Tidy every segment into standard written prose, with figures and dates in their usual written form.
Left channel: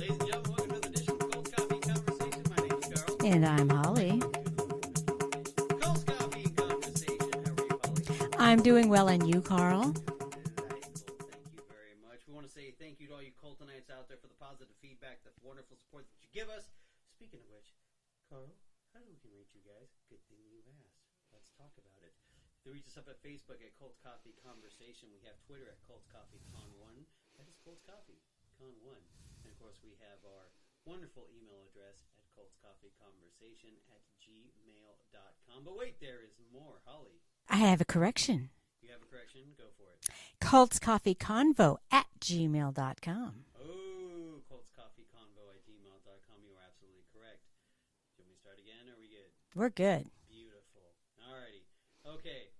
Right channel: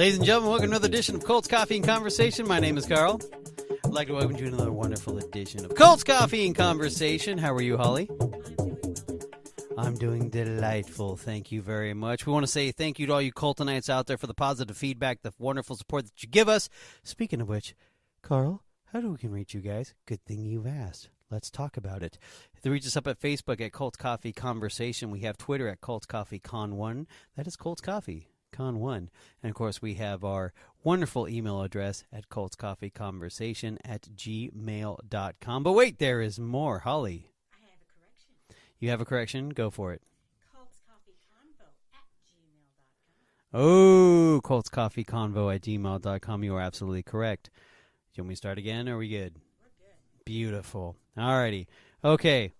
Ladies and gentlemen, welcome to another edition of Colts Coffee and Conversation. My name is Carl. And I'm Holly. I'd like to welcome you to another wonderful edition of Colts Coffee and Conversation. How are you, Holly? I'm doing well, and you, Carl? I'm doing delightful. Thank you very much. We want to say thank you to all you Coltonites out there for the positive feedback, the wonderful support that you give us. Speaking of which, Carl, how do we can reach you guys? Good thing you've asked. Let's talk about it. They reach us up at Facebook at Colts Coffee Conversation. We have Twitter at Colts Coffee Con1. That is Colts Coffee Con1. And, of course, we have our wonderful email address at coltscoffeeconversation@gmail.com. But wait, there is more. Holly. I have a correction. You have a correction? Go for it. cultscoffeeconvo@gmail.com. Oh, coltscoffeeconvo@gmail.com. You are absolutely correct. Do you want me to start again, or are we good? We're good. Beautiful. All righty. Okay.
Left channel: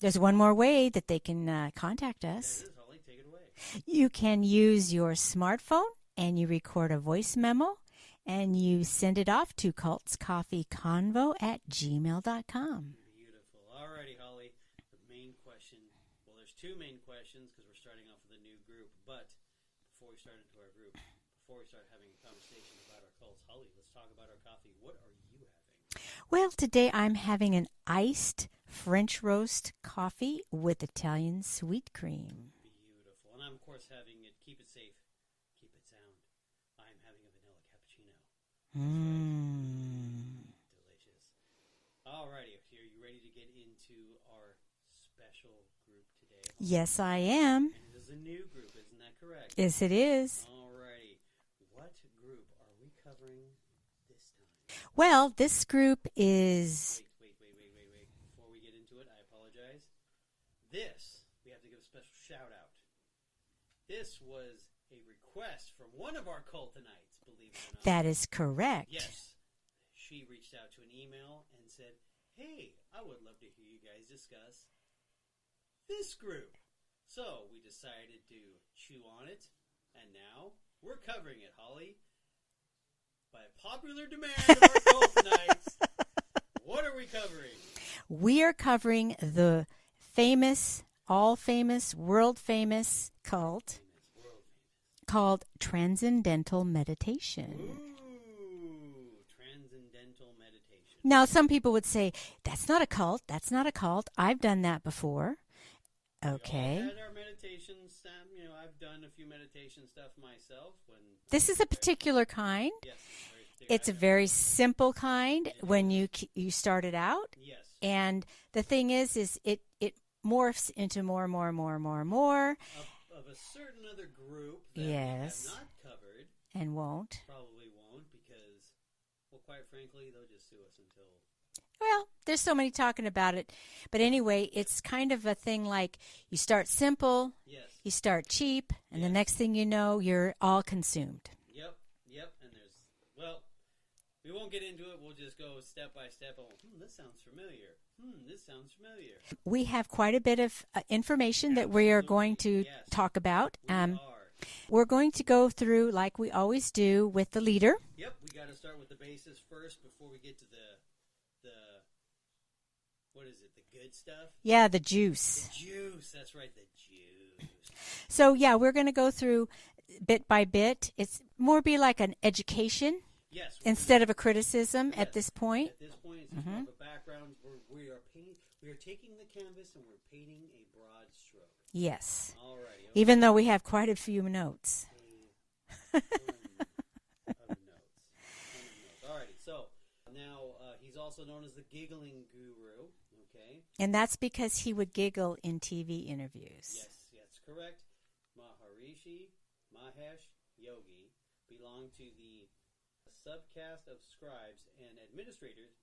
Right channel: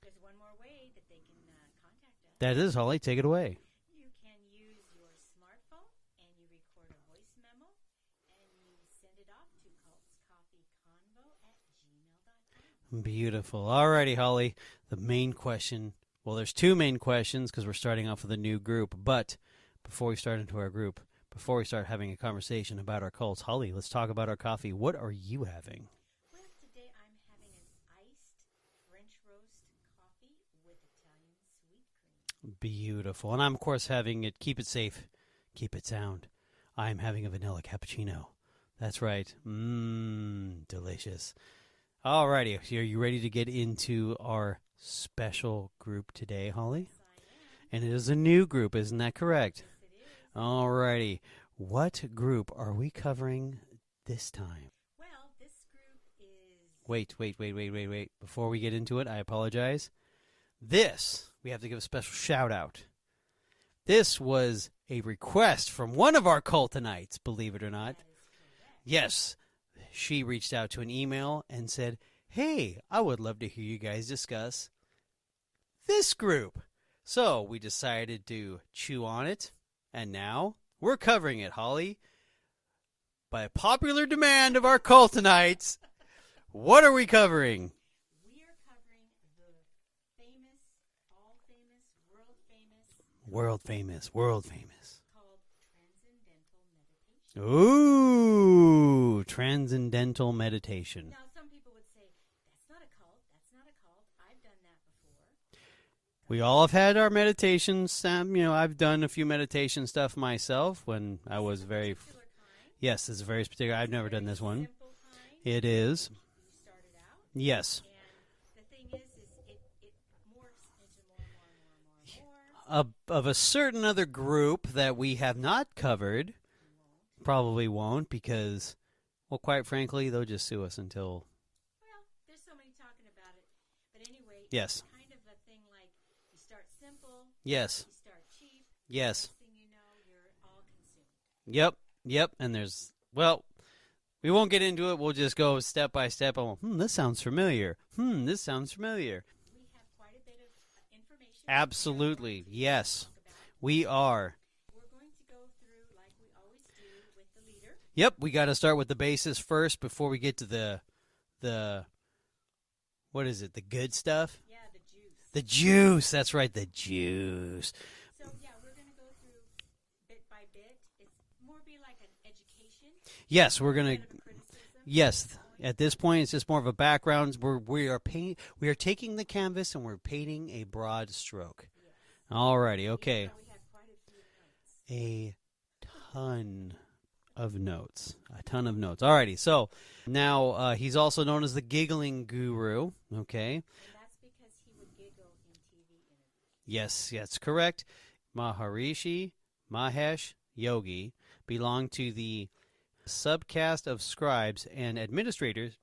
There's one more way that they can contact us. That is, Holly. Take it away. You can use your smartphone, and you record a voice memo, and you send it off to cultscoffeeconvo@gmail.com. Beautiful. All righty, Holly. The main question, well, there's two main questions because we're starting off with a new group. But before we start into our group, before we start having a conversation about our cults, Holly, let's talk about our coffee. What are you having? Well, today I'm having an iced French roast coffee with Italian sweet cream. Beautiful. And I'm, of course, having it, keep it safe, keep it sound. I'm having a vanilla cappuccino. That's right. Delicious. All righty. So are you ready to get into our special group today, Holly? Yes, I am. And it is a new group, isn't that correct? Yes, it is. All righty. What group are we covering this time? Well, this group is... Wait. Before we get into it, I apologize. This, we have to give a special shout out. This was a request from one of our cultonites, believe it or not. That is correct. Yes. She reached out to an email and said, hey, I would love to hear you guys discuss this group. So we decided to chew on it, and now we're covering it, Holly. By popular demand of our cultonites, what are we covering? We are covering the famous, all-famous, world-famous cult. World famous. Called Transcendental Meditation. Ooh, Transcendental Meditation. Now, some people would say, that's not a cult. I've done that before. We all have had our meditations. I've done a few meditation stuff myself. This is a particular kind. Yes, it's a very particular. It's I've a never very done this one. simple kind. It when is. you started out. Yes. And the thing is it morphs into more. Of a certain other group that we have not covered. And won't. Probably won't because, well, quite frankly, they'll just sue us until... Well, there's so many talking about it. But anyway, It's kind of a thing like you start simple. Yes. You start cheap. Yes. And the next thing you know, you're all consumed. Yep. And there's, well, we won't get into it. We'll just go step by step. This sounds familiar. This sounds familiar. We have quite a bit of information Absolutely. that we are going to talk about. We are. We're going to go through, like we always do, with the leader. Yep. We got to start with the basis first before we get to the what is it, the good stuff? Yeah, the juice. The juice. That's right, the juice. So, we're going to go through bit by bit. It's more be like an education. Yes, instead of a criticism at this point. At this point, it's just more of a background. We are taking the canvas and we're painting a broad stroke. Yes. All righty, okay. Even though we have quite a few notes. A ton of notes. All righty, so... Now, he's also known as the giggling guru, okay? And that's because he would giggle in TV interviews. Yes, that's correct. Maharishi Mahesh Yogi belonged to the subcaste of scribes and administrators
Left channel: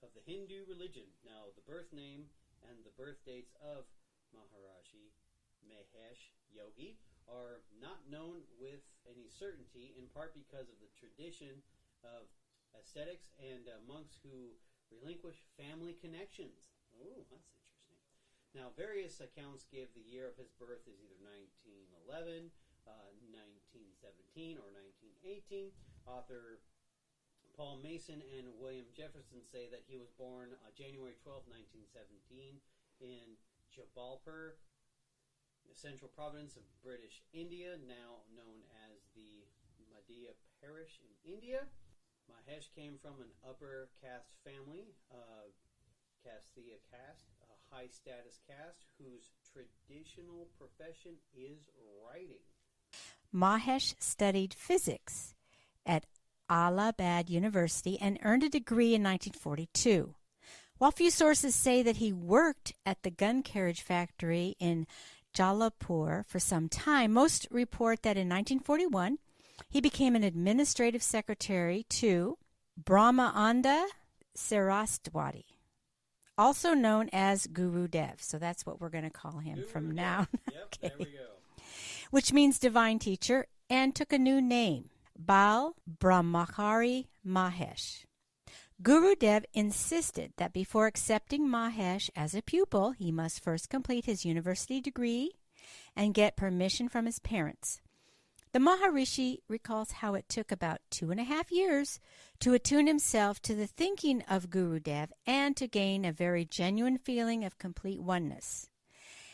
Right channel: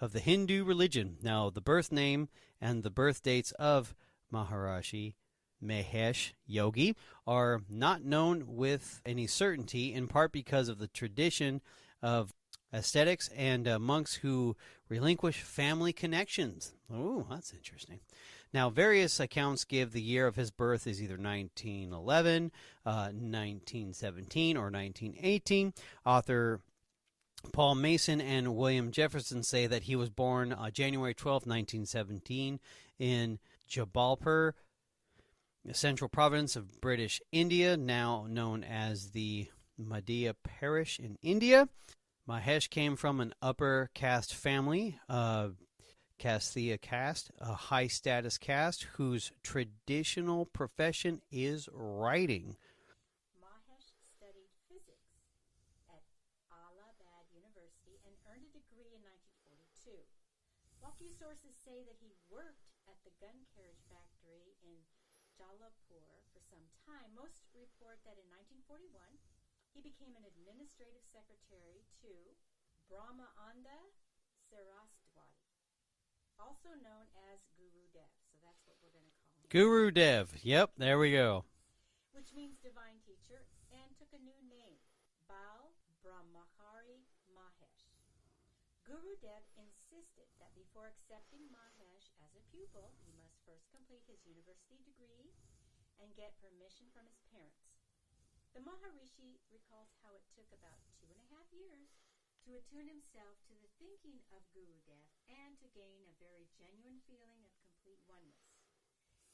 of the Hindu religion. Now, the birth name and the birth dates of Maharishi Mahesh Yogi are not known with any certainty, in part because of the tradition of ascetics and monks who relinquish family connections. Oh, that's interesting. Now, various accounts give the year of his birth is either 1911, 1917, or 1918. Author Paul Mason and William Jefferson say that he was born January 12, 1917, in Jabalpur, the central province of British India, now known as the Madhya Parish in India. Mahesh came from an upper caste family, Kasthia caste, a high-status caste whose traditional profession is writing. Mahesh studied physics at Allahabad University and earned a degree in 1942. While few sources say that he worked at the gun carriage factory in Jalapur for some time, most report that in 1941 he became an administrative secretary to Brahmaanda Saraswati, also known as Guru Dev. So that's what we're going to call him. Guru Dev. Yep, there we go. Which means divine teacher, and took a new name, Bal Brahmachari Mahesh. Guru Dev insisted that before accepting Mahesh as a pupil, he must first complete his university degree and get permission from his parents. The Maharishi recalls how it took about 2.5 years to attune himself to the thinking of Guru Dev and to gain a very genuine feeling of complete oneness.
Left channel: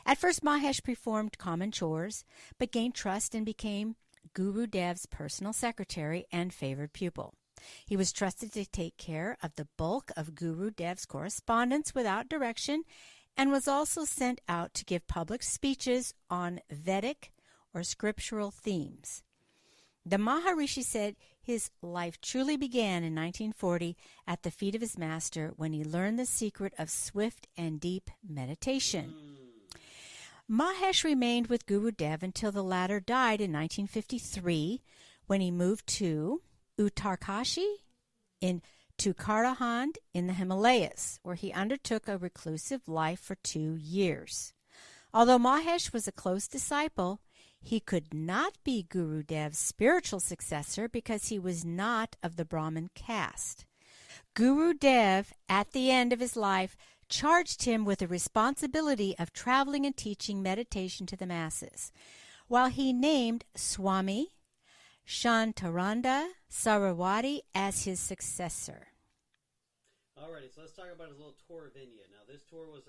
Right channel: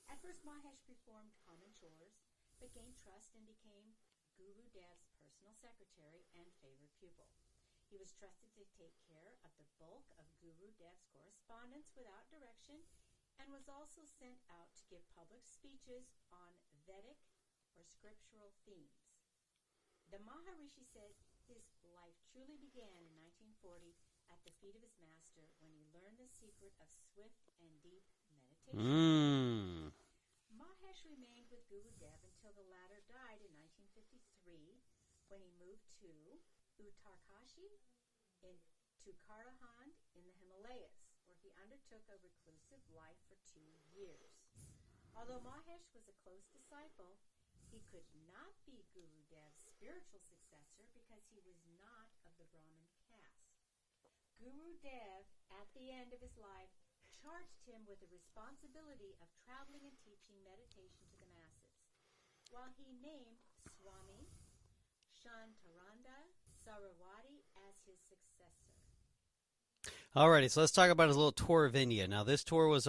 At first, Mahesh performed common chores, but gained trust and became Guru Dev's personal secretary and favored pupil. He was trusted to take care of the bulk of Guru Dev's correspondence without direction, and was also sent out to give public speeches on Vedic or scriptural themes. The Maharishi said his life truly began in 1940 at the feet of his master when he learned the secret of swift and deep meditation. Mahesh remained with Guru Dev until the latter died in 1953 when he moved to Uttarkashi in Tukarahand in the Himalayas, where he undertook a reclusive life for 2 years. Although Mahesh was a close disciple, he could not be Guru Dev's spiritual successor because he was not of the Brahmin caste. Guru Dev, at the end of his life, charged him with the responsibility of traveling and teaching meditation to the masses, while he named Swami Shantaranda Sarawati as his successor. Alrighty, so let's talk about his little tour of India. Now, this tour was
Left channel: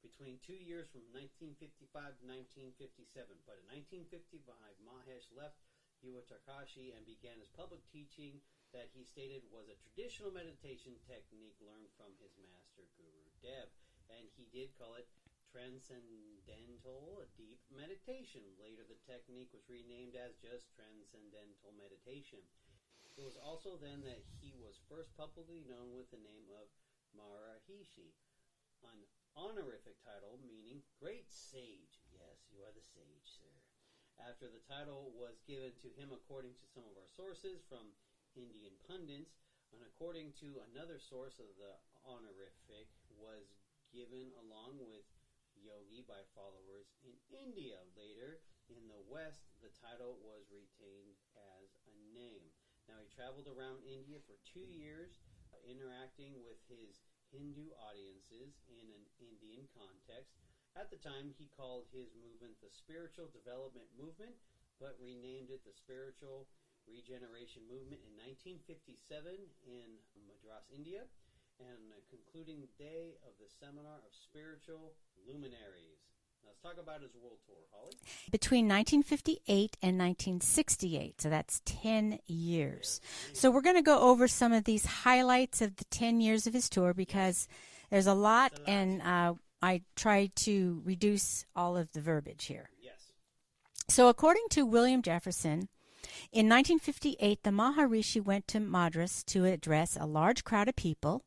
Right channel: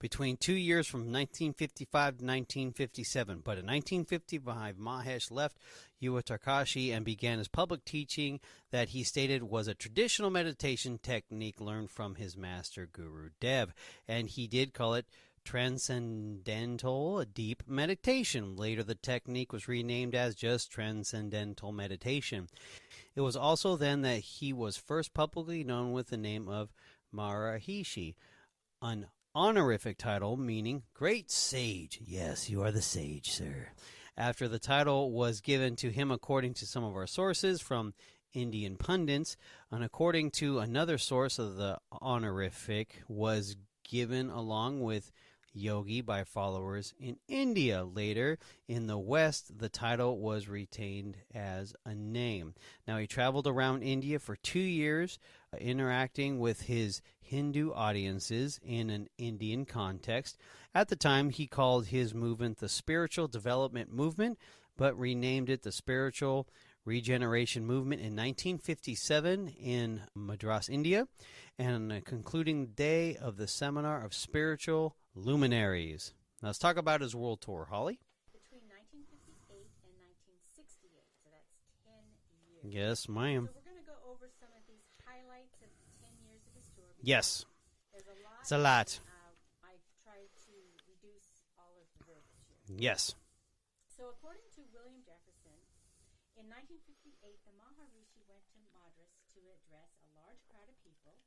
between 2 years from 1955 to 1957. But in 1955, Mahesh left Uttarkashi and began his public teaching that he stated was a traditional meditation technique learned from his master, Guru Dev. And he did call it Transcendental Deep Meditation. Later, the technique was renamed as just Transcendental Meditation. It was also then that he was first publicly known with the name of Maharishi, an honorific title meaning great sage. Yes, you are the sage, sir. After the title was given to him according to some of our sources from Indian pundits, and according to another source of the honorific was given along with Yogi by followers in India. Later, in the West, the title was retained as a name. Now, he traveled around India for 2 years, interacting with his Hindu audiences in an Indian context. At the time, he called his movement the Spiritual Development Movement, but renamed it the Spiritual Regeneration Movement in 1957 in Madras, India, and on the concluding day of the Seminar of Spiritual Luminaries. Now let's talk about his world tour, Holly. Between 1958 and 1968, so that's 10 years. Yes, ma'am. So we're going to go over some of these highlights of the 10 years of his tour because there's a lot, it's a lot. And I tried to reduce all of the verbiage here. Yes. So according to William Jefferson, in 1958, the Maharishi went to Madras to address a large crowd of people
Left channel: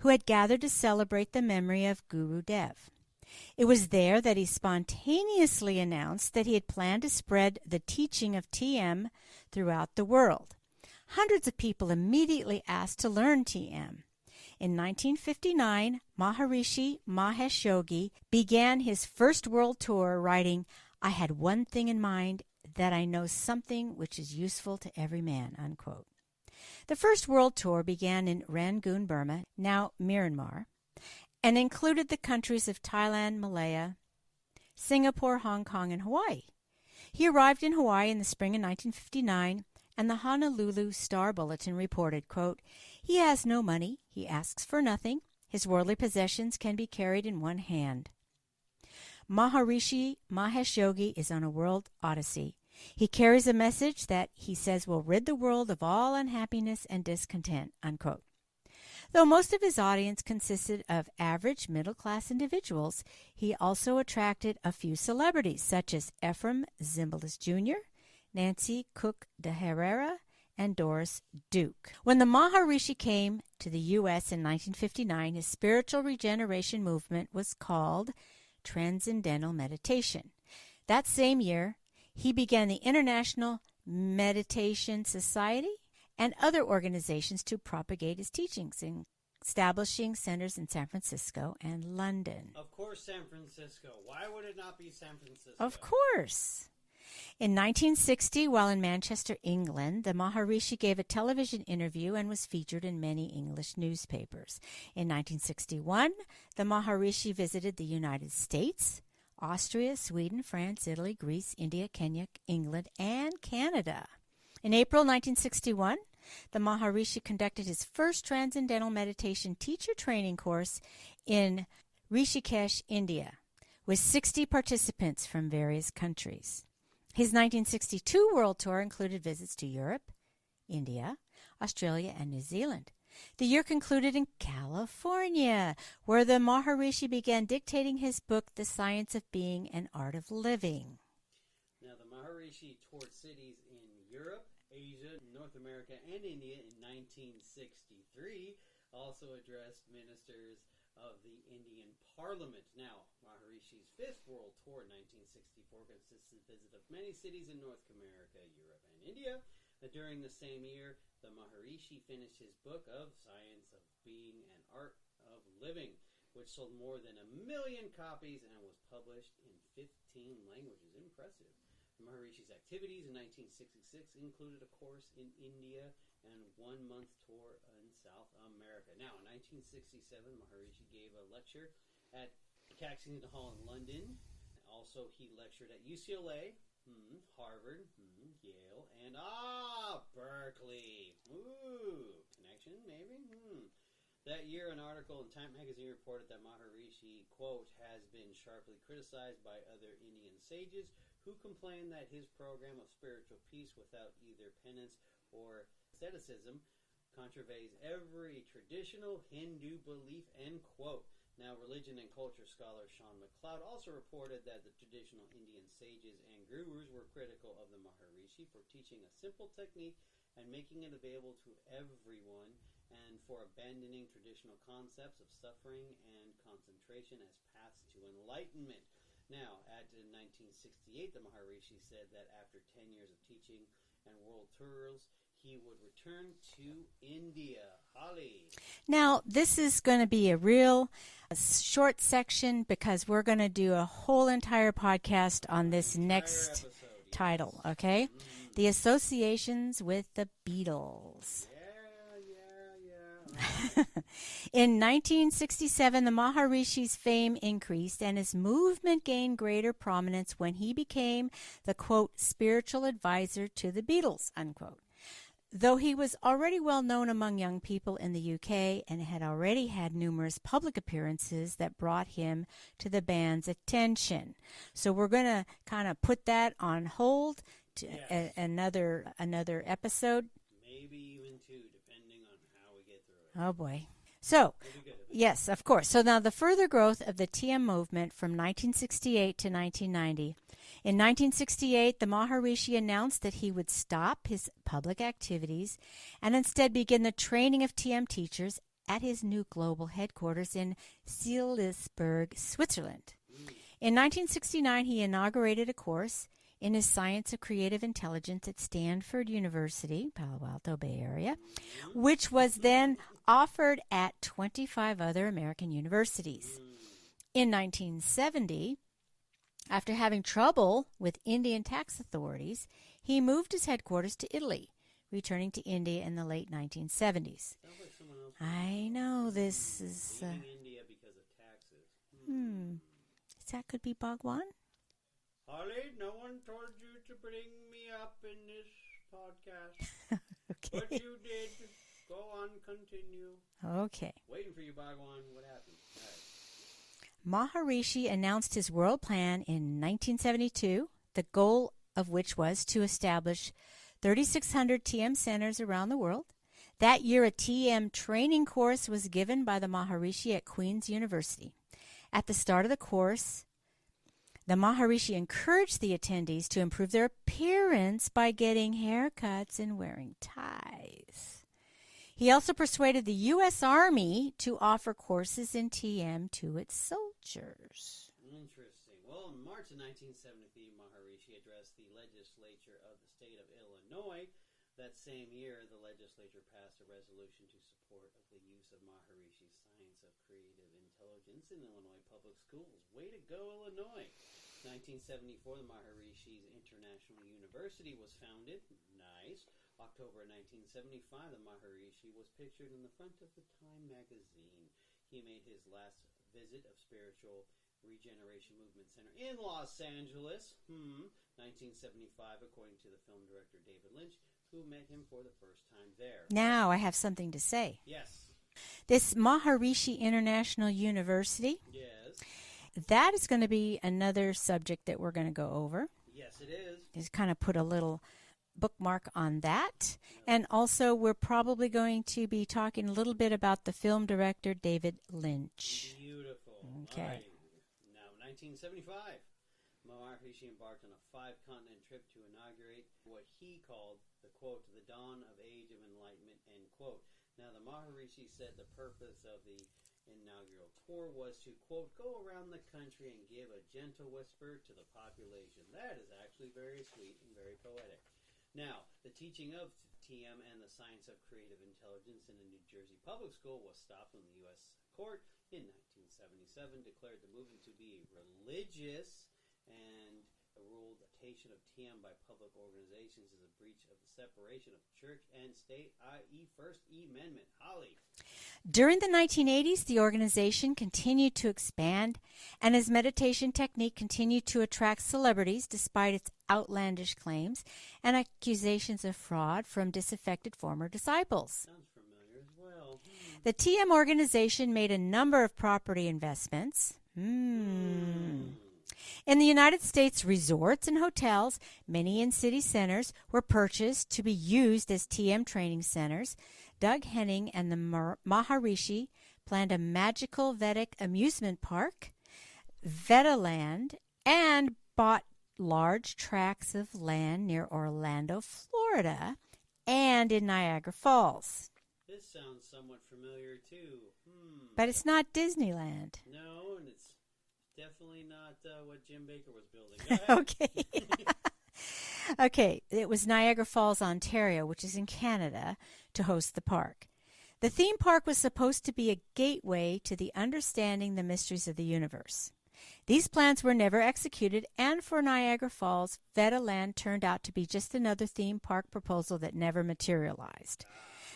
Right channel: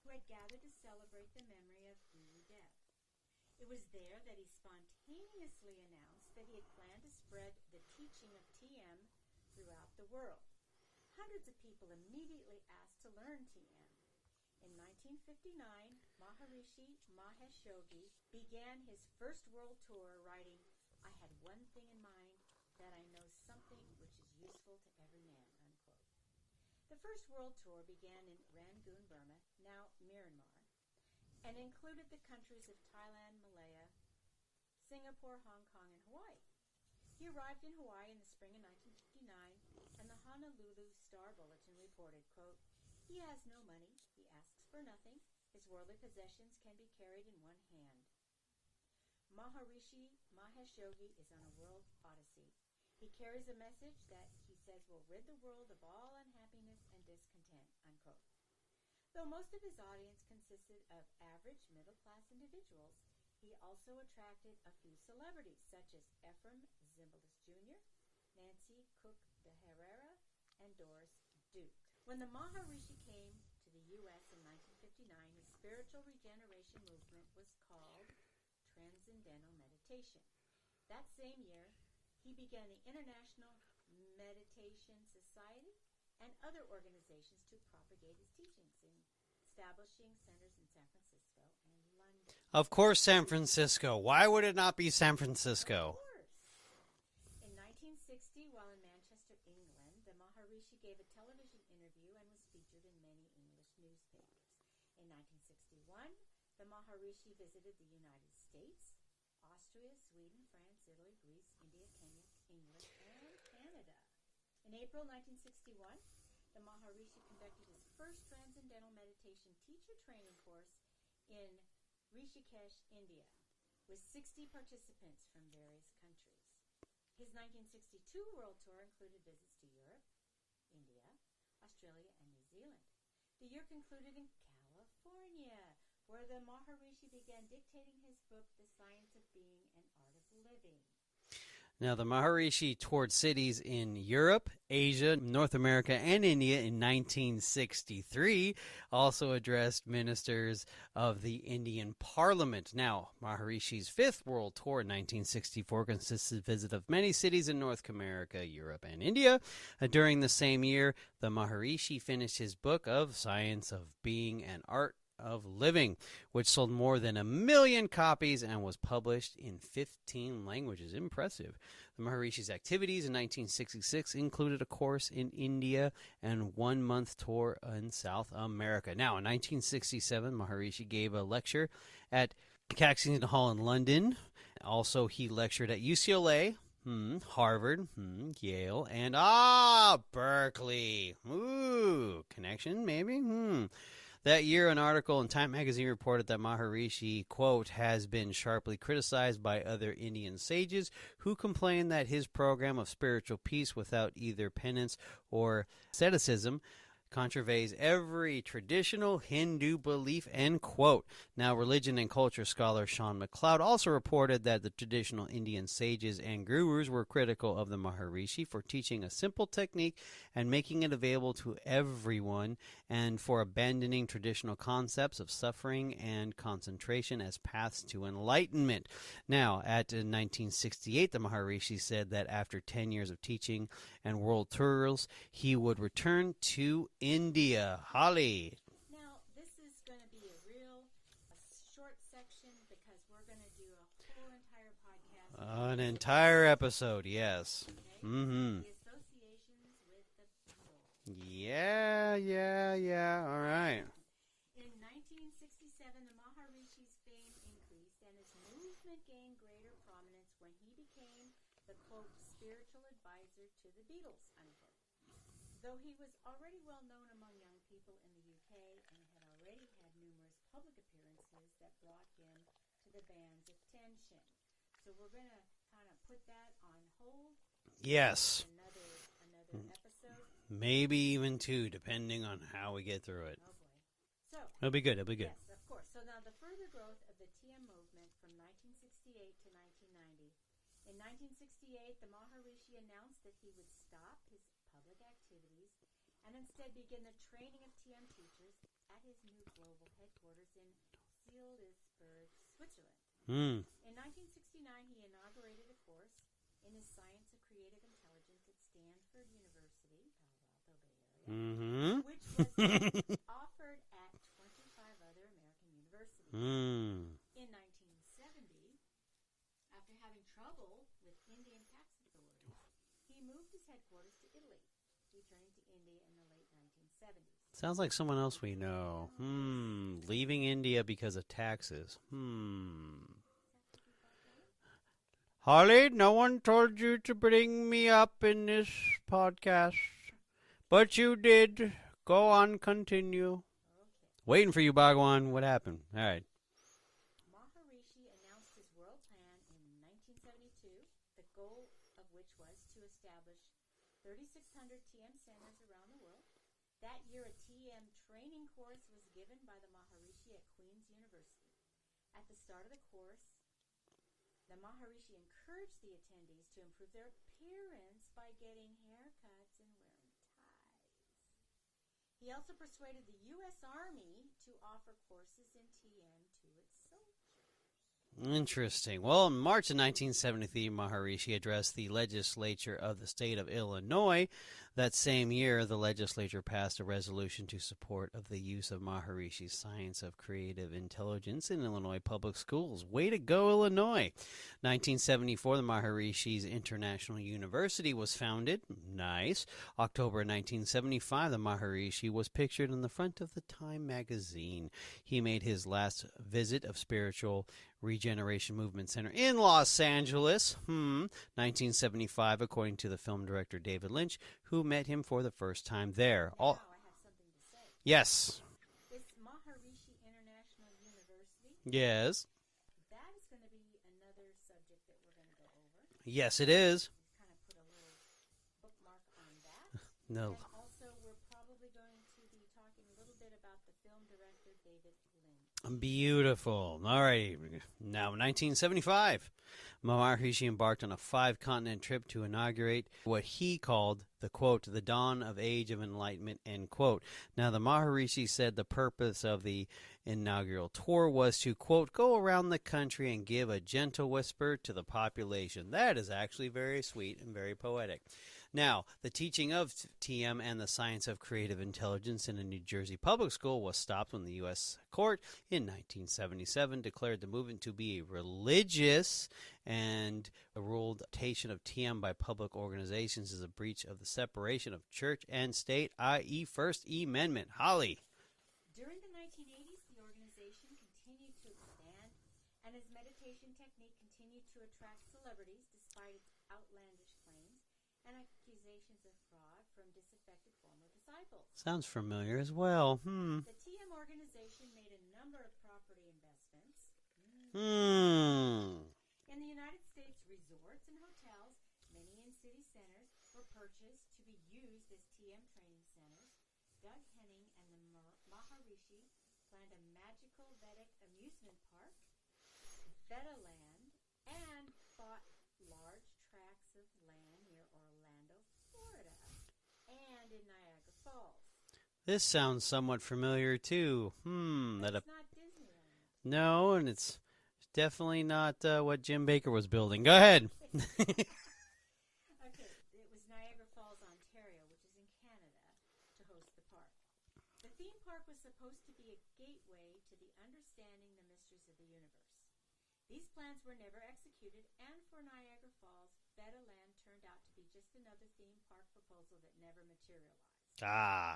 who had gathered to celebrate the memory of Guru Dev. It was there that he spontaneously announced that he had planned to spread the teaching of TM throughout the world. Hundreds of people immediately asked to learn TM. In 1959, Maharishi Mahesh Yogi began his first world tour writing, "I had one thing in mind, that I know something which is useful to every man," unquote. The first world tour began in Rangoon, Burma, now Myanmar, and included the countries of Thailand, Malaya, Singapore, Hong Kong, and Hawaii. He arrived in Hawaii in the spring of 1959, and the Honolulu Star Bulletin reported, quote, "He has no money, he asks for nothing, his worldly possessions can be carried in one hand." Maharishi Mahesh Yogi is on a world odyssey. He carries a message that he says will rid the world of all unhappiness and discontent, unquote. Though most of his audience consisted of average middle-class individuals, he also attracted a few celebrities such as Ephraim Zimbalist Jr., Nancy Cook de Herrera, and Doris Duke. When the Maharishi came to the U.S. in 1959, his spiritual regeneration movement was called Transcendental Meditation. That same year, he began the International Meditation Society and other organizations to propagate his teachings, establishing centers in San Francisco and London. Of course, San Francisco. Why would it not be San Francisco? Of course. In 1960, while in Manchester, England, the Maharishi gave a television interview and was featured in many English newspapers. In 1961, the Maharishi visited the United States, Austria, Sweden, France, Italy, Greece, India, Kenya, England, and Canada. In April 1961, the Maharishi conducted his first Transcendental Meditation teacher training course in Rishikesh, India, with 60 participants from various countries. His 1962 world tour included visits to Europe, India, Australia, and New Zealand. The year concluded in California, where the Maharishi began dictating his book, The Science of Being and Art of Living. Now, the Maharishi toured cities in Europe, Asia, North America, and India in 1963, also addressed ministers of the Indian Parliament. Now, Maharishi's fifth world tour in 1964 consisted of visit of many cities in North America, Europe, and India. During the same year, the Maharishi finished his book of Science of Being and Art of Living, which sold more than 1 million copies and was published in 15 languages. Impressive. The Maharishi's activities in 1966 included a course in India and 1-month tour in South America. Now, in 1967, Maharishi gave a lecture at Caxton Hall in London. Also, he lectured at UCLA, Harvard, Yale, and Berkeley. Ooh, connection maybe? That year, an article in Time magazine reported that Maharishi, quote, has been sharply criticized by other Indian sages who complain that his program of spiritual peace without either penance or asceticism contravenes every traditional Hindu belief, end quote. Now, religion and culture scholar Sean McLeod also reported that the traditional Indian sages and gurus were critical of the Maharishi for teaching a simple technique and making it available to everyone, and for abandoning traditional concepts of suffering and concentration as paths to enlightenment. Now, at 1968, the Maharishi said that after 10 years of teaching and world tours, he would return to India. Holly. Now, this is going to be a short section because we're going to do a whole entire podcast on this entire next episode, yes. title, okay? The associations with the Beatles. Yeah, all right. In 1967, the Maharishi's fame increased and his movement gained greater prominence when he became the, quote, spiritual advisor to the Beatles, unquote. Though he was already well known among young people in the UK and had already had numerous public appearances that brought him to the band's attention. So we're going to kind of put that on hold to another episode. Maybe even 2, depending on how we get through it. Oh, boy. So, it'll be good. Yes, of course. So now the further growth of the TM movement from 1968 to 1990. In 1968, the Maharishi announced that he would stop his public activities and instead begin the training of TM teachers at his new global headquarters in Salisbury, Switzerland. In 1969, he inaugurated a course in his Science of Creative Intelligence at Stanford University, Palo Alto Bay Area, which was then offered at 25 other American universities. In 1970, after having trouble with Indian tax authorities, he moved his headquarters to Italy, returning to India in the late 1970s. Sounds like someone else we know. I know, this is... Leaving India because of taxes. That could be Bhagwan? Holly, no one told you to bring me up in this podcast. Okay. But you did. Go on, continue. Okay. Waiting for you, Bhagwan. What happened? All right. Maharishi announced his world plan in 1972. The goal of which was to establish 3,600 TM centers around the world. That year, a TM training course was given by the Maharishi at Queen's University. At the start of the course, the Maharishi encouraged the attendees to improve their appearance by getting haircuts and wearing ties. He also persuaded the U.S. Army to offer courses in TM to its soldiers. Interesting. Well, in March of 1973, Maharishi addressed the legislature of the state of Illinois. That same year, the legislature passed a resolution to support of the use of Maharishi's Science of Creative Intelligence in Illinois public schools. Way to go, Illinois! 1974, the Maharishi's International University was founded. Nice. October 1975, the Maharishi was pictured on the front of the Time magazine. He made his last visit of Spiritual Regeneration Movement Center in Los Angeles, 1975, according to the film director David Lynch, who met him for the first time there. Now I have something to say. Yes. This Maharishi International University, Yes. that is going to be another subject that we're going to go over. Yes, it is. Just kind of put a little bookmark on that. No. And also, we're probably going to be talking a little bit about the film director David Lynch. Beautiful. All right. Now, 1975, Maharishi embarked on a 5-continent trip to inaugurate what he called the, quote, the dawn of age of enlightenment, end quote. Now, the Maharishi said the purpose of the inaugural tour was to, quote, go around the country and give a gentle whisper to the population. That is actually very sweet and very poetic. Now, the teaching of TM and the science of creative intelligence in a New Jersey public school was stopped when the U.S. court in 1977 declared the movement to be religious and ruled adoption of TM by public organizations is a breach of the separation of church and state, i.e. First Amendment. Holly. During the 1980s, the organization continued to expand, and his meditation technique continued to attract celebrities despite its outlandish claims and accusations of fraud from disaffected former disciples. Sounds familiar as well. The TM organization made a number of property investments. In the United States, resorts and hotels, many in city centers, were purchased to be used as TM training centers. Doug Henning and the Maharishi planned a magical Vedic amusement park, Vediland, and bought large tracts of land near Orlando, Florida, and in Niagara Falls. This sounds somewhat familiar, too. But it's not Disneyland. No, and it's definitely not what Jim Baker was building. Go ahead. Okay. Okay, it was Niagara Falls, Ontario, which is in Canada, to host the park. The theme park was supposed to be a gateway to the understanding the mysteries of the universe. These plans were never executed, and for Niagara Falls, Vediland turned out to be just another theme park proposal that never materialized.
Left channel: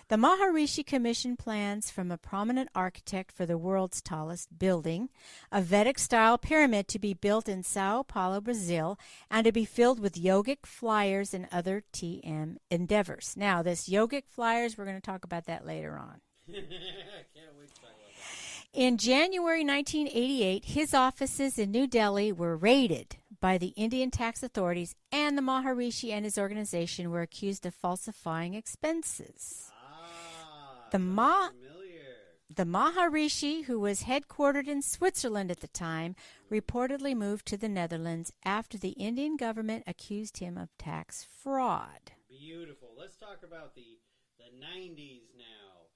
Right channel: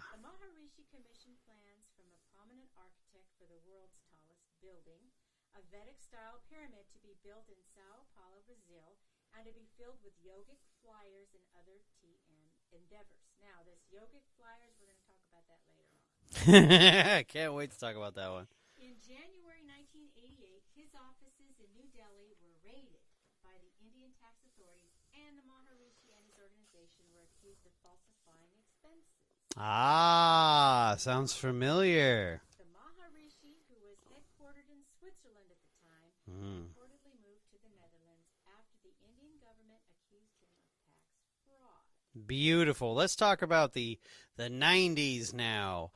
The Maharishi commissioned plans from a prominent architect for the world's tallest building, a Vedic-style pyramid to be built in Sao Paulo, Brazil, and to be filled with yogic flyers and other TM endeavors. Now, this yogic flyers, we're going to talk about that later on. Can't wait to talk about that one. In January 1988, his offices in New Delhi were raided by the Indian tax authorities, and the Maharishi and his organization were accused of falsifying expenses. Sounds familiar. The Maharishi, who was headquartered in Switzerland at the time, reportedly moved to the Netherlands after the Indian government accused him of tax fraud. Beautiful. Let's talk about the 90s now,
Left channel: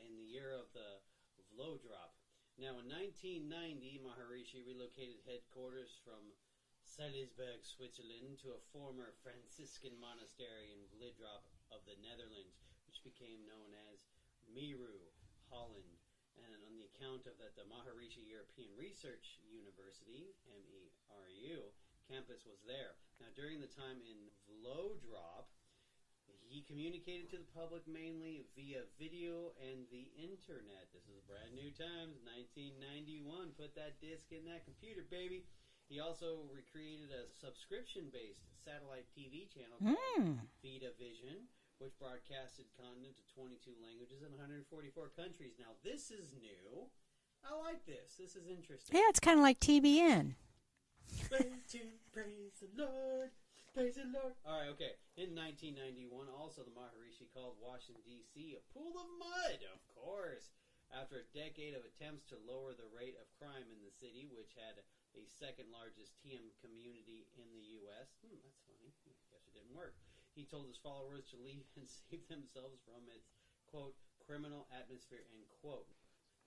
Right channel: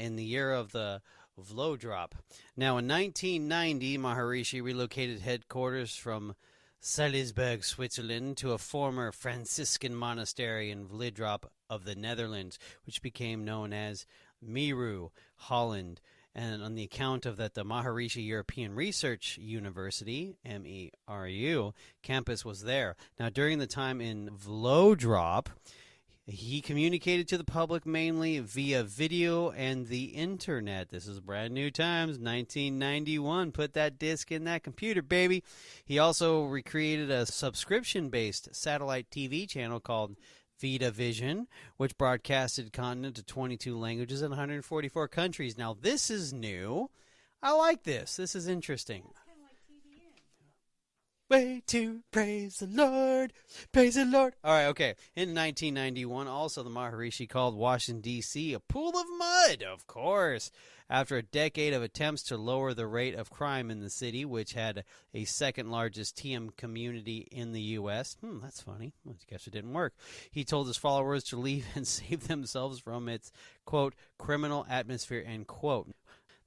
in the year of the Vlo drop. Now, in 1990, Maharishi relocated headquarters from Salisbury, Switzerland, to a former Franciscan monastery in Vlodrop of the Netherlands, which became known as Meru, Holland. And on the account of that, the Maharishi European Research University, MERU, campus was there. Now, during the time in Vlodrop, he communicated to the public mainly via video and the internet. This is brand new times, 1991. Put that disc in that computer, baby. He also recreated a subscription-based satellite TV channel called Vita Vision, which broadcasted content to 22 languages in 144 countries. Now, this is new. I like this. This is interesting. Yeah, it's kind of like TBN. way to praise the Lord. Praise the Lord. All right, okay. In 1991, also the Maharishi called Washington, D.C. a pool of mud, of course, after a decade of attempts to lower the rate of crime in the city, which had a second largest TM community in the U.S. That's funny. I guess it didn't work. He told his followers to leave and save themselves from its, quote, criminal atmosphere, end quote.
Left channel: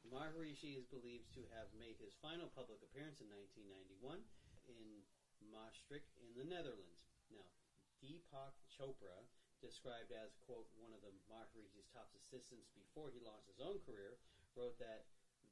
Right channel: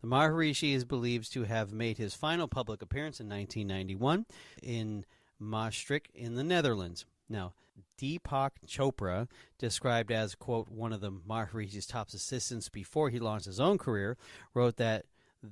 The Maharishi is believed to have made his final public appearance in 1991 in Maastricht in the Netherlands. Now, Deepak Chopra, described as, quote, one of the Maharishi's top assistants before he launched his own career, wrote that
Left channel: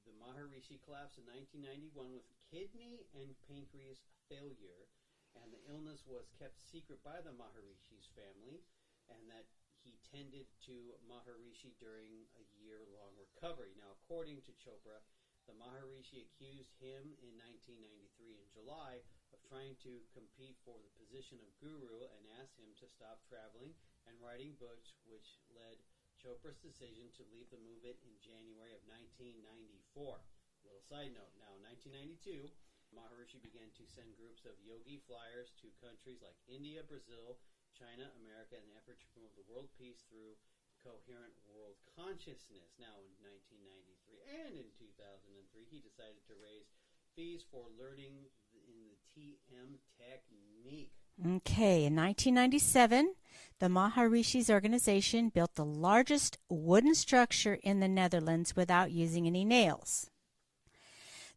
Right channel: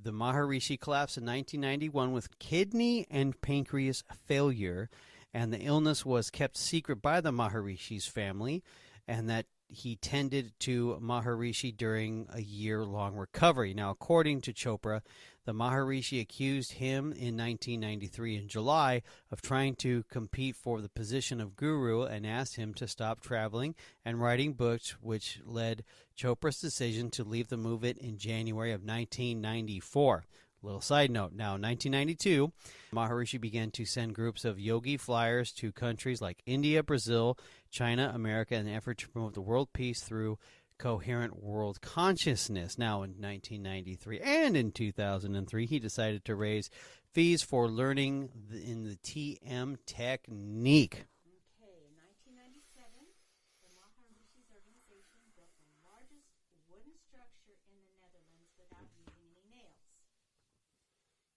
the Maharishi collapsed in 1991 with kidney and pancreas failure, and the illness was kept secret by the Maharishi's family, and that he tended to Maharishi during a year-long recovery. Now, according to Chopra, the Maharishi accused him in 1993 in July of trying to compete for the position of guru and asked him to stop traveling and writing books, which led Chopra's decision to leave the movement in January of 1994. Little side note, now in 1992, Maharishi began to send groups of yogi flyers to countries like India, Brazil, China, America in an effort to promote the world peace through coherent world consciousness. Now in 1993 and in 2003, he decided to raise fees for learning in the TM technique. Okay, in 1997, the Maharishi's organization built the largest wooden structure in the Netherlands without using any nails.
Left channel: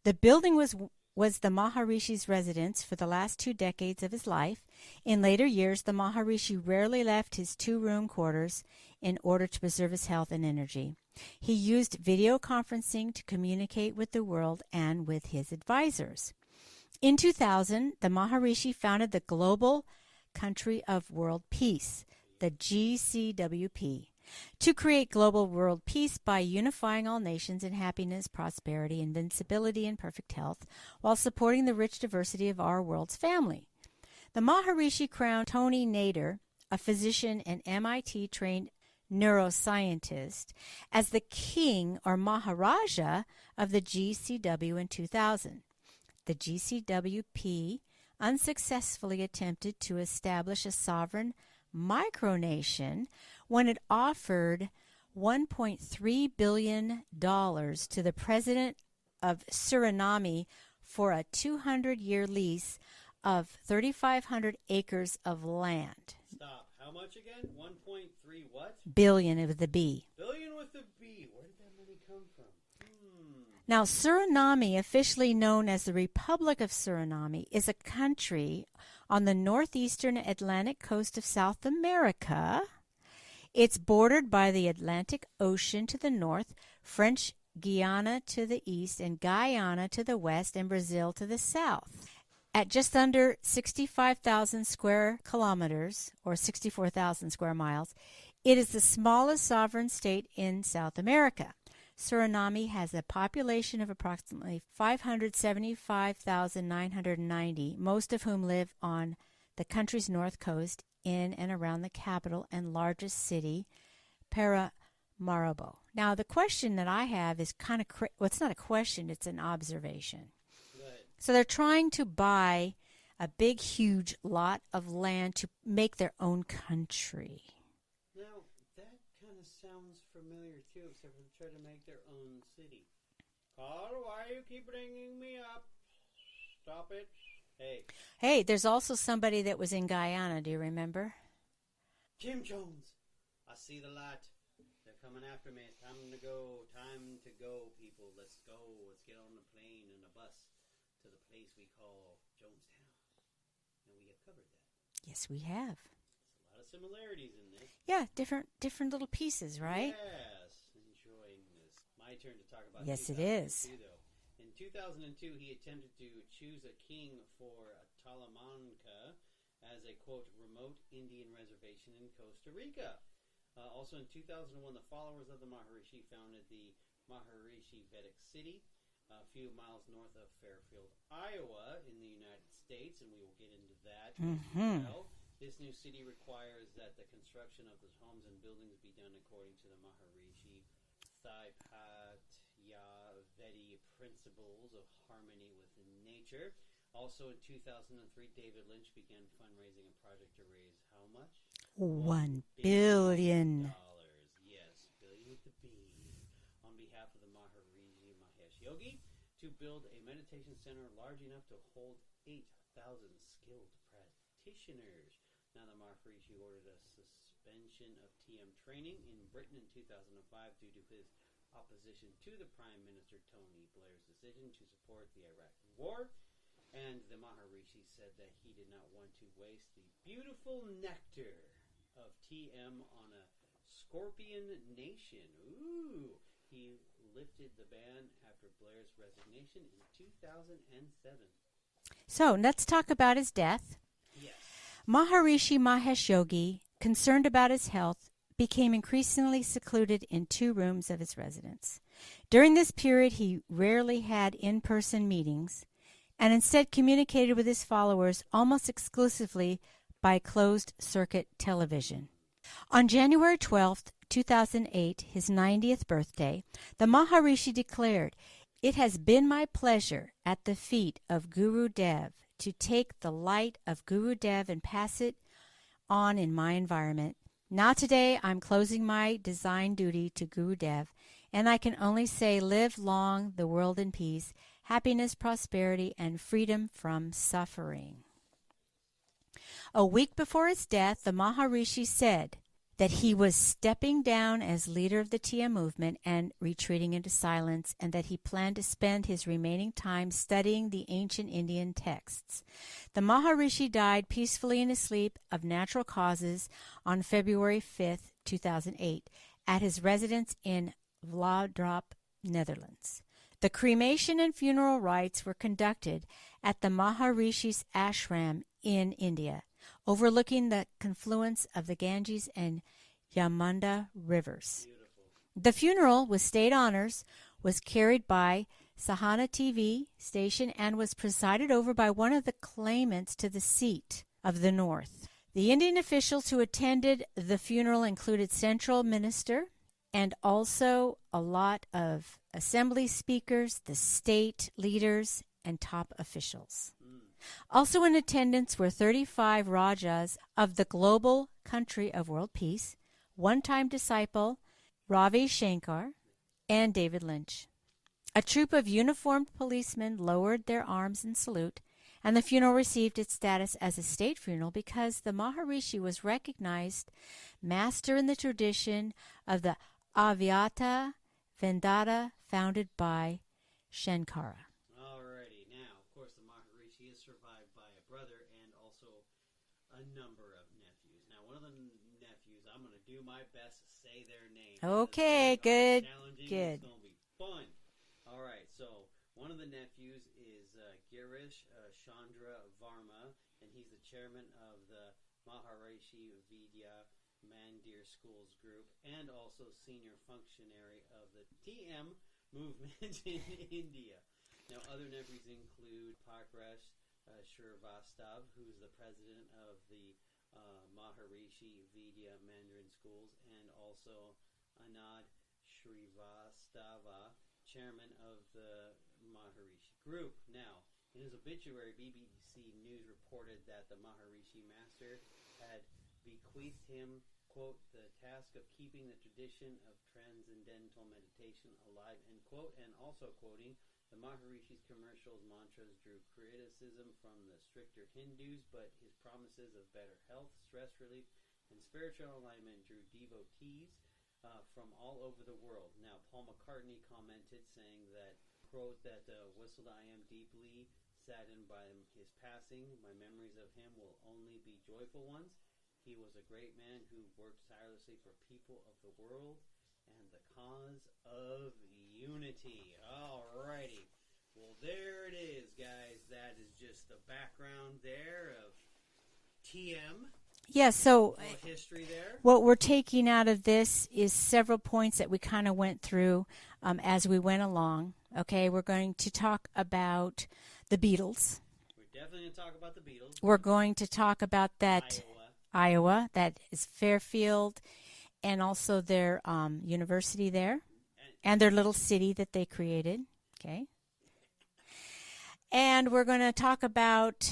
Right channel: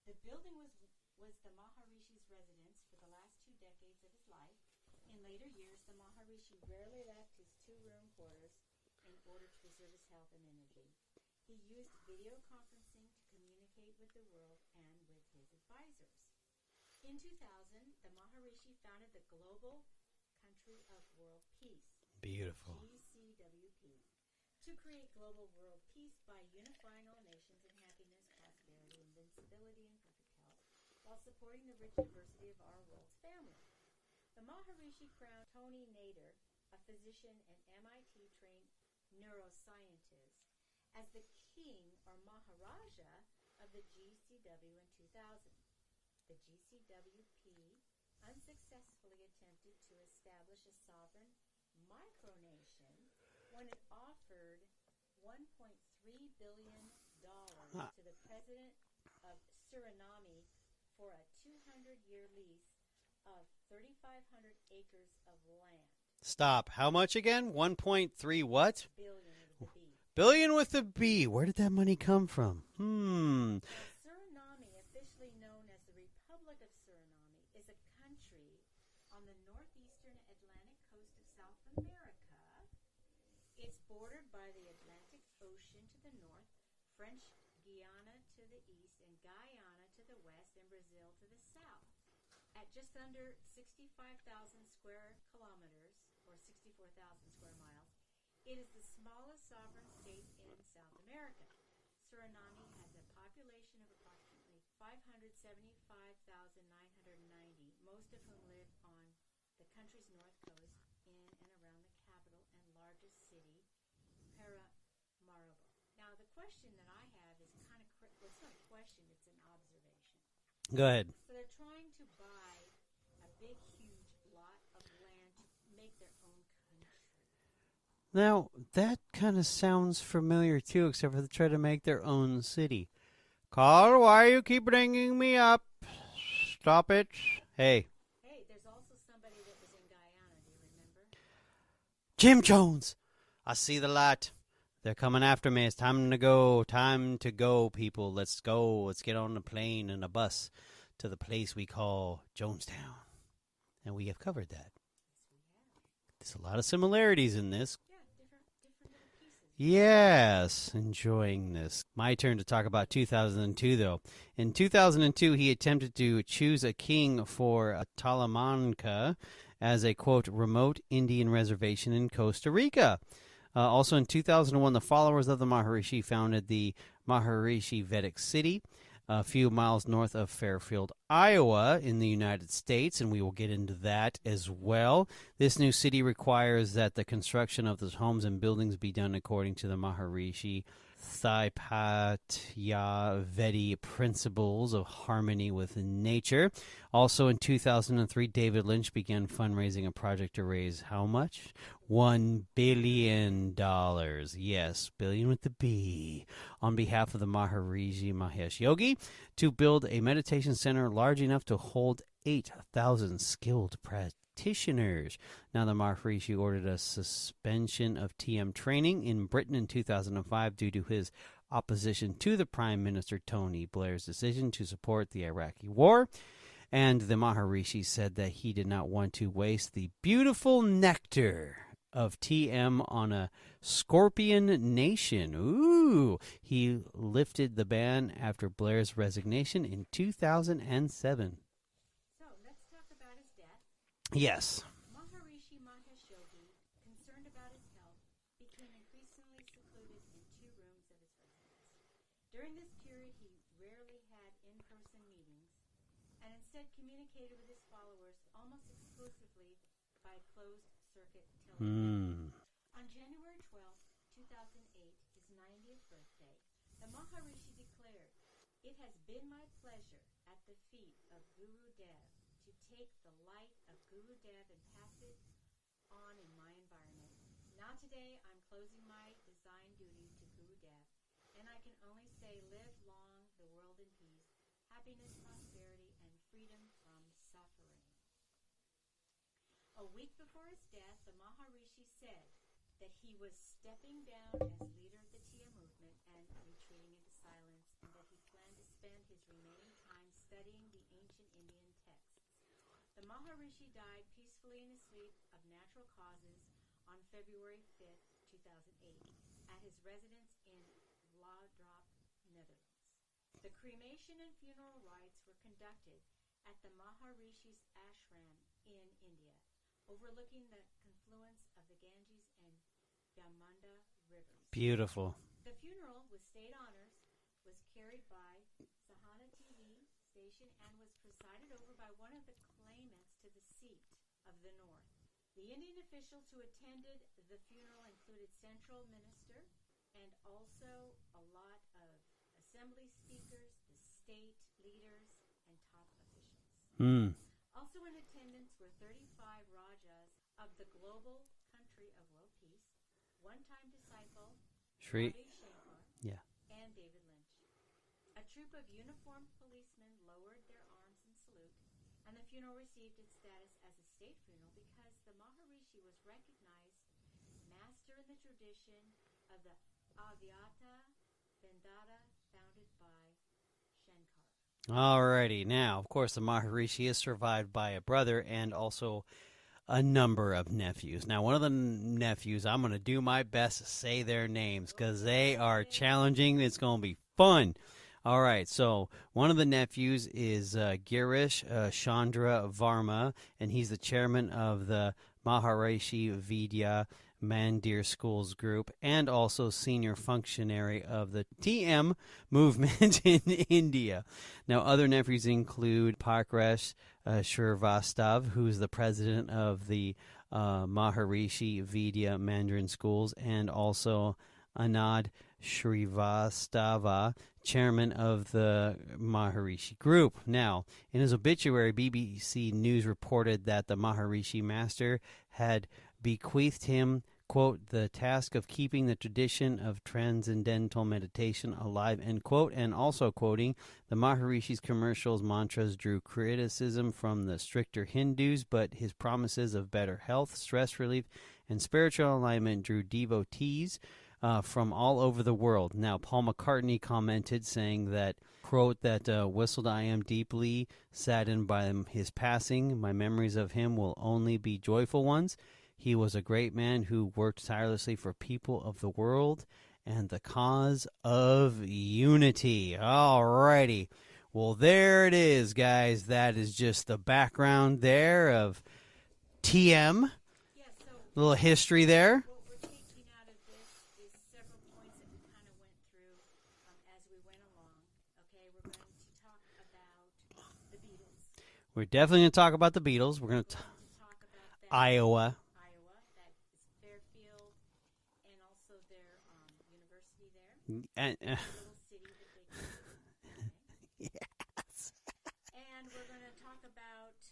The building was the Maharishi's residence for the last 2 decades of his life. In later years, the Maharishi rarely left his 2-room quarters in order to preserve his health and energy. He used video conferencing to communicate with the world and with his advisors. In 2000, the Maharishi founded the Global Country of World Peace, the GCWP, to create global world peace by unifying all nations in happiness, prosperity, invincibility, and perfect health, while supporting the rich diversity of our world's family. The Maharishi crowned Tony Nader, a physician and MIT-trained neuroscientist, as the king or Maharaja of the GCW in 2000. The GCWP unsuccessfully attempted to establish a sovereign micronation when it offered $1.3 billion to the president of Suriname for a 200-year lease of 3,500 acres of land. Stop. How much again? 1.3 what? Billion with the B. Billion with the B. Where did that money come from? Now, Suriname, officially known as the Republic of Suriname, is a country on the northeastern Atlantic coast of South America. It's bordered by the Atlantic Ocean to the north, French Guiana to the east, and Guyana to the west, and Brazil to the south. At just under 65,000 square kilometers, or 64,000 square miles, it is the smallest sovereign state in South America. Suriname has a population of approximately 575,990, most of whom live on the country's north coast in and around the capital and largest city, Paramaribo. Now, the question that I have is kind of, well, it's not a question, it's an observation. Go ahead. So they're trying to buy a big, huge lot of land to make their own country. Now, that kind of sounds familiar, too, except for they try to make their own city. Carl, why you keep bringing me up? Stop it. Hey. Hey, there's also somebody that was in Guyana. Do you remember? Jim Jones. I see the light. They're coming after me. It's time to go. Time to go, people. Let's go. Let's get on a plane and a bus to the place we call Jonestown. And we have covered that. Yes, we have. There's a lot of similarities in this. Yeah, different little pieces, right? Yes, enjoying this. My turn to talk about 2002, though. In 2002, he attempted to choose a king for Talamanca as a, quote, remote Indian reservation in Costa Rica. Also in 2001, the followers of the Maharishi founded the Maharishi Vedic City, a few miles north of Fairfield, Iowa, in the United States, and we will get into that as well. This new city requires that the construction of those homes and buildings be done according to the Maharishi Untitled Vedic Principles of Harmony with Nature. Also in 2003, David Lynch began fundraising a project to raise how much? $1 billion. Yes, billion with the B. On behalf of the Maharishi Mahesh Yogi to build a meditation center large enough to hold 8,000 skilled practitioners. Now, the Maharishi ordered a suspension of TM training in Britain in 2005 due to his opposition to the Prime Minister Tony Blair's decision to support the Iraqi war. And the Maharishi said that he did not want to waste the beautiful nectar of TM on a scorpion nation. Ooh! He lifted the ban after Blair's resignation in 2007. So, let's talk about his death. Yes. Maharishi Mahesh Yogi, concerned about his health, became increasingly secluded in 2 rooms of his residence. During this period, he rarely had in-person meetings and instead communicated with his followers almost exclusively by closed-circuit television. On January 12th, 2008, his 90th birthday, the Maharishi declared, "It has been my pleasure at the feet of Guru Dev to take the light of Guru Dev and pass it on in my environment. Now today I'm closing my design duty to Guru Dev, and I can only say live long the world in peace, happiness, prosperity, and freedom from suffering." A week before his death, the Maharishi said that he was stepping down as leader of the TM movement and retreating into silence, and that he planned to spend his remaining time studying the ancient Indian texts. The Maharishi died peacefully in his sleep of natural causes on February 5th, 2008, at his residence in Vlodrop, Netherlands. The cremation and funeral rites were conducted at the Maharishi's ashram in India, overlooking the confluence of the Ganges and Yamuna rivers. Beautiful. The funeral, with state honors, was carried by Sahana TV station and was presided over by one of the claimants to the seat of the North. The Indian officials who attended the funeral included central minister and also a lot of assembly speakers, the state leaders, and top officials. Also in attendance were 35 Rajas of the global country of world peace, one-time disciple Ravi Shankar, and David Lynch. A troop of uniformed policemen lowered their arms in salute, and the funeral received its status as a state funeral because the Maharishi was recognized master in the tradition of the Advaita Vedanta founded by Shankara. Alrighty. Now, of course, the Maharishi is survived by a brother and also a number of nephews. Now, one of the nephews, I'm going to do my best to say their names because they are challenging. Good. It's going to be fun. All right, so one of the nephews is Girish Chandra Varma, and he's the chairman of the Maharishi Vidya Mandir Schools Group and also senior functionary of the TM movement in India. Now, other nephews include Parkresh Shrivastava, who's the president of the Maharishi Vidya Mandarin Schools, and also Anand Shrivastava, chairman of the Maharishi Group. Now, in his obituary, BBC News reported that the Maharishi Master had bequeathed him, quote, the task of keeping the tradition of Transcendental Meditation alive, end quote, and also quoting, the Maharishi's commercials mantras drew criticism from the stricter Hindus, but his promises of better health, stress relief, and spiritual alignment drew devotees from all over the world. Now, Paul McCartney commented saying that, quote, that whistled, I am deeply saddened by his passing. My memories of him will only be joyful ones. He was a great man who worked tirelessly for people of the world and the cause of unity. All righty. Well, there it is, guys. That is just the background there of TM. Yeah, so a little history there. What we're taking out of this is several points that we kind of went through as we went along. Okay, we're going to talk about the Beatles. We're definitely going to talk about the Beatles. We're going to talk about that Iowa. That is Fairfield. and also their university there, and their little city that they created. Okay. Yes. And we're going to talk about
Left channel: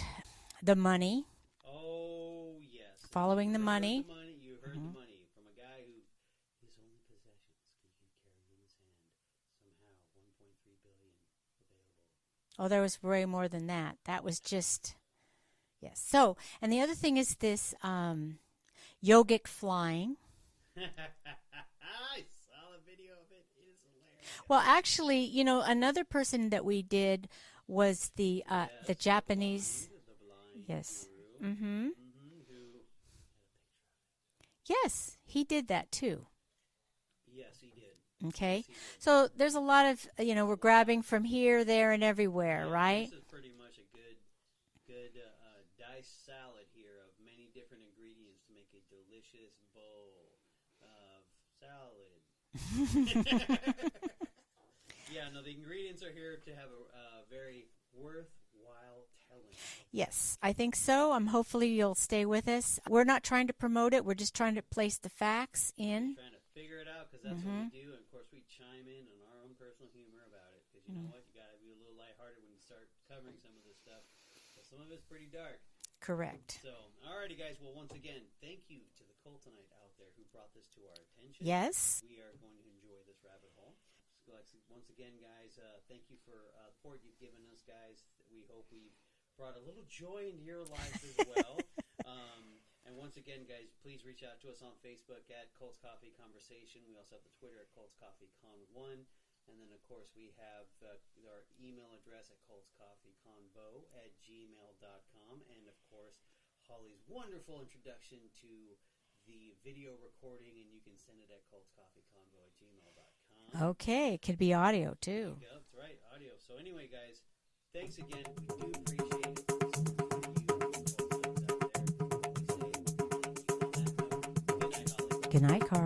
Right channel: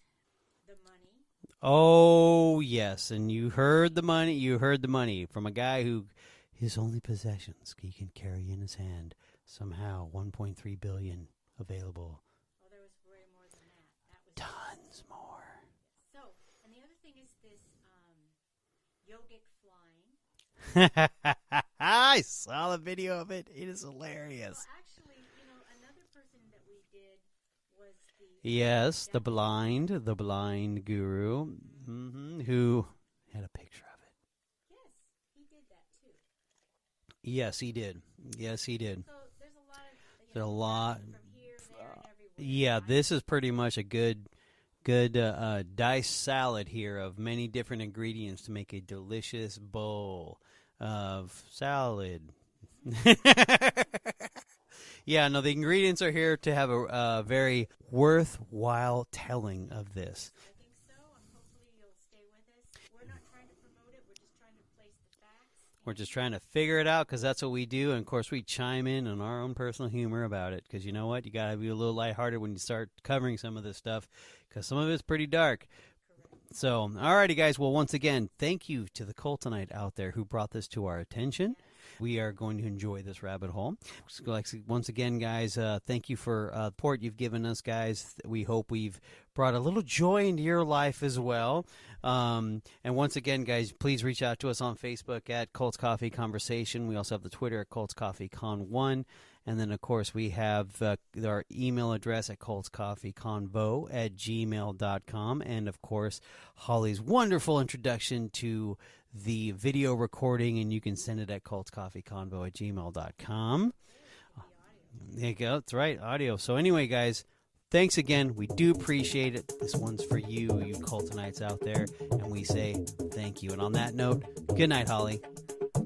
the money. Oh, yes. And Following you the heard money. the money. You heard the money from a guy who his only possessions he can carry in his hand. Somehow 1.3 billion available. Oh, there was way more than that. That was Tons just more. yes. So, and the other thing is this Yogic Flying. I saw the video of it. It is hilarious. Well, actually, another person that we did was the yes, Japanese. the blind Yes. guru, who had a picture of it. Yes, he did that too. Yes, he did. Okay. Yes, he did. So there's a lot of, we're grabbing from here, there, and everywhere, Yeah, right? this is pretty much a good diced salad here of many different ingredients to make a delicious bowl of salad. Yeah, no, the ingredients are here to have a very worthwhile telling of this. Yes, I think so. Hopefully you'll stay with us. We're not trying to promote it. We're just trying to place the facts in. We're just trying to figure it out because that's what we do. And, of course, we chime in on our own personal humor about it because you know what? You got to be a little lighthearted when you start covering some of this stuff because some of it's pretty dark. Correct. So, all righty, guys. Well, once again, thank you to the Cultonite out there who brought this to our attention. Yes. We are going to enjoy this rabbit hole. So, once again, guys, thank you for the support you've given us, guys. We hope we've brought a little joy into your life as well. And once again, guys, please reach out to us on Facebook at Cults Coffee Conversation. We also have the Twitter at cultscoffeecon1. And then, of course, we have our email address at cultscoffeeconvo@gmail.com. And, of course, Holly's wonderful introduction to the video recording, and you can send it at cultscoffeeconvo@gmail.com. Okay, it could be audio, too. There you go. That's right, audio. So anyway, guys, thanks again. We do appreciate it. This one's for you Cultonites out there, and we say thank you. And on that note, good night, Holly. Good night, Carl.